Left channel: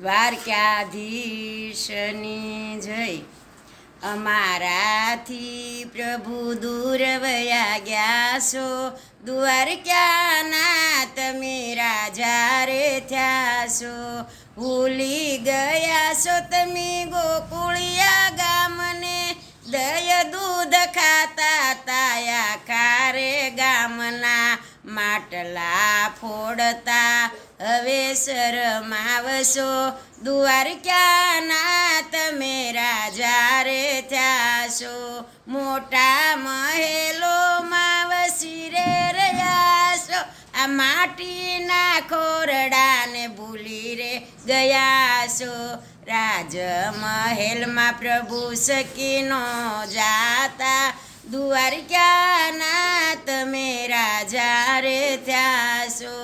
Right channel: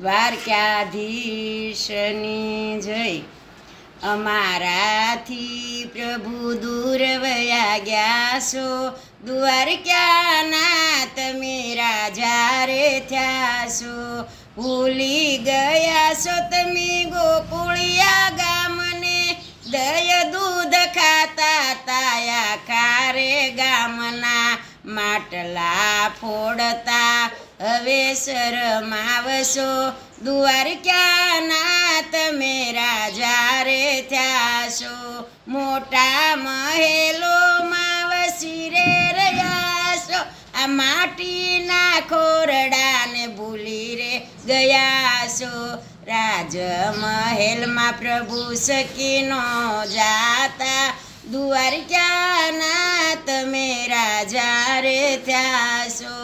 દ્વારકાધીશની જય. અમારાથી પ્રભુ દૂર વયા ગયા છો. દ્વારકાના તમે રાજા રે થયા છો. ભૂલી ગયા છો તમે ગોકુળિયા ગામને. દય દૂધ ખાતા તાયા ખારે ગામના માટલા ફોડતા. હવે શરમાવશો દ્વારકાના તમે રાજા રે થયા છો મોટા મહેલોમાં વસી રે રહ્યાશો આ માટીના ખોરડાને ભૂલી રે ગયાશો. રાજ મહેલમાં પ્રભુ સકીનો જાતા. દ્વારકાના તમે રાજા રે થયા છો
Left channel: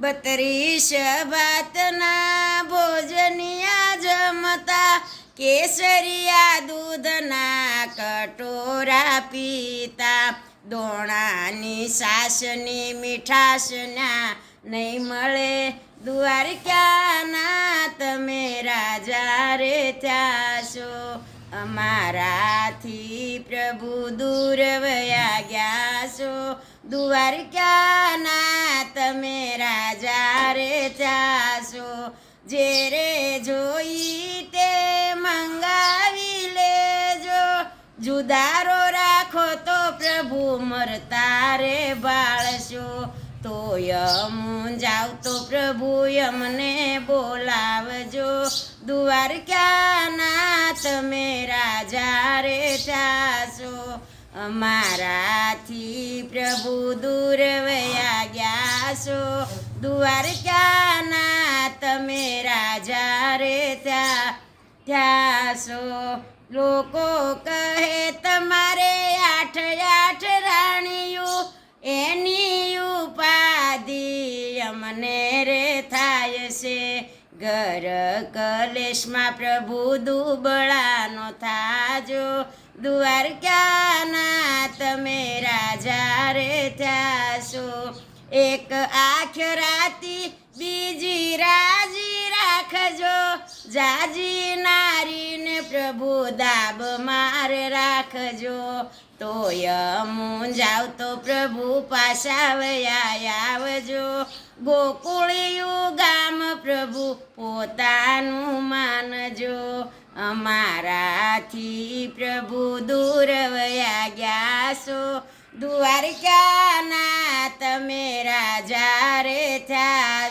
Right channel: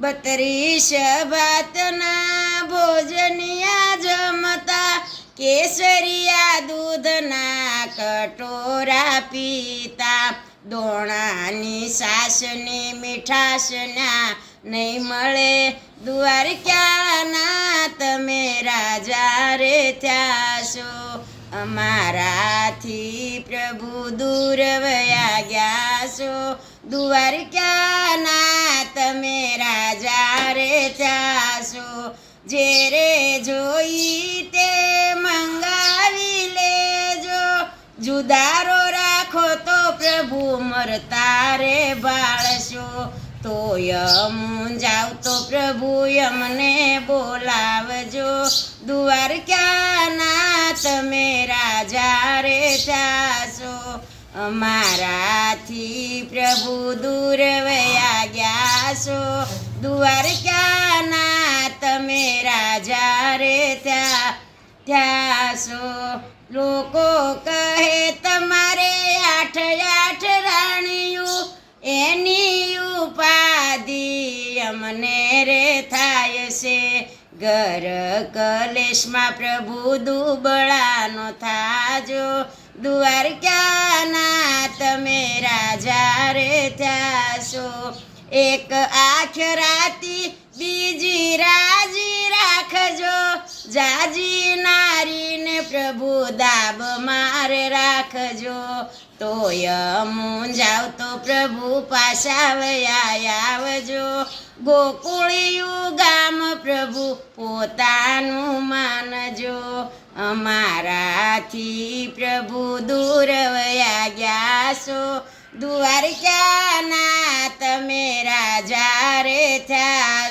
બત્રીસ ભાતના ભોજનિયા જમતા કેસરિયા દૂધના કટોરા પીતા. દોણાની સાસની મીઠાશના નહીં મળે. દ્વારકાના તમે રાજા રે થ્યાશો. અમારાથી પ્રભુ દૂર વયા ગયા છો દ્વારકાના જે જોઈ તે મંગાવી લેજો. જુદારો રાખો તો પ્રભુ મરતા રે બાળશો તો યમ જાવ તો પ્રભુ યમને બોલાવજો. દ્વારકાના તમે રાજા રે ચાશો અમારાથી પ્રભુ દૂર વયા ગયા છો. દ્વારકાના તમે રાજા રે ત્યાં છો લોકો કહે તમારે આઠ આઠ રાણીયું, એની ઉપાધિ અમને રે થાય છે. ઘર કલેશમાં પ્રભુ દુબળાનો થાજો દ્વારકાના તમે રાજા રે છો એક આખ રાતી જાજી નારીને પ્રભુ દાબ મારે રાખજો. તોય જાવ તો પ્રભુ પાછા વયા આવજો. ગોકુળિયું ગામ પ્રભુ પોતાનું માનજો. અમારાથી પ્રભુ દૂર વયા ગયા છો. દ્વારકાના તમે રાજા રે થયા